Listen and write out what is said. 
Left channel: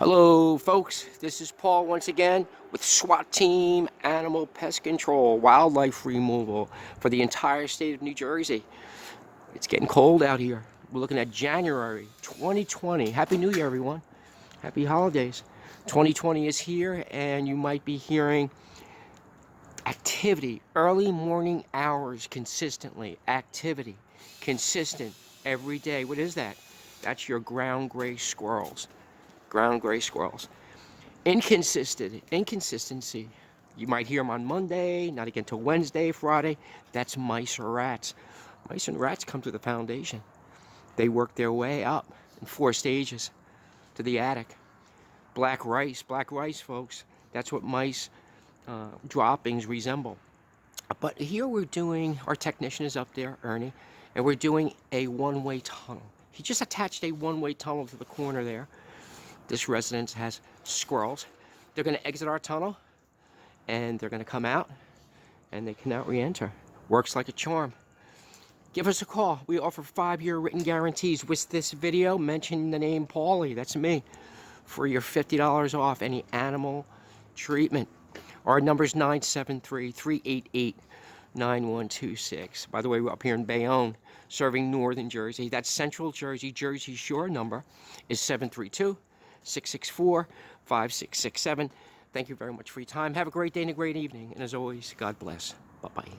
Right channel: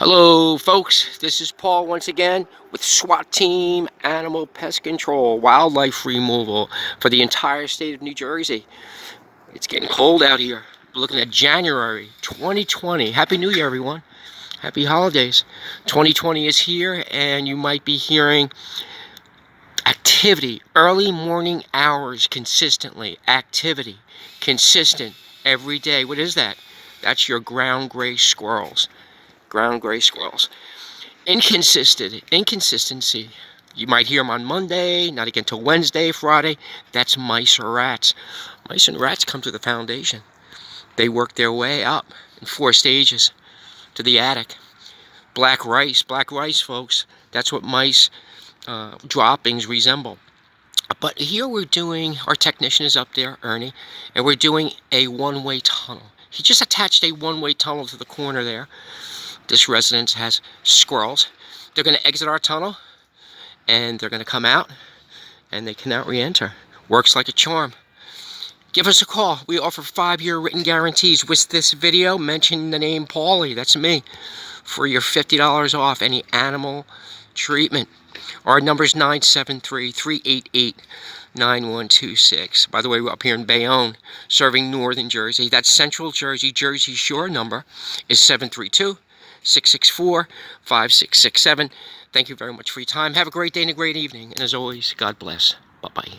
Hello folks, this is Paul once again with SWAT Team Animal Pest Control Wildlife Removal for the entire state of New Jersey. It's getting cold out here. We're looking at January 2020. Happy New Year everyone. Happy holidays. 2020 is here and you might be hearing activity, early morning hours consistently. Activity, consistent, every day. What is that? That's your ground gray squirrels. Ground gray squirrels. Inconsistency. You might hear them on Monday, not again till Wednesday, Friday. That's mice or rats. Mice and rats come to the foundation. They work their way up in 4 stages to the attic. Black rice, folks. That's what mice droppings resemble. But here we're doing, our technician is up there, Ernie, and we're doing a one-way tunnel. He just attached a one-way tunnel to the corner there. This residence has squirrels. They're going to exit our tunnel, and they're going to come out, and they cannot re-enter. Works like a charm. Give us a call. We offer 5-year written guarantees. With this video, mention the name Paulie, that's me, for your $50 off any animal treatment. Our number is 973-388-9126. By the way, we're up here in Bayonne, serving northern Jersey. That's central Jersey. Jersey Shore number is 732-664-5667. Thank you very much for your time. Have a great day and a great evening. And as always, God bless. Bye-bye.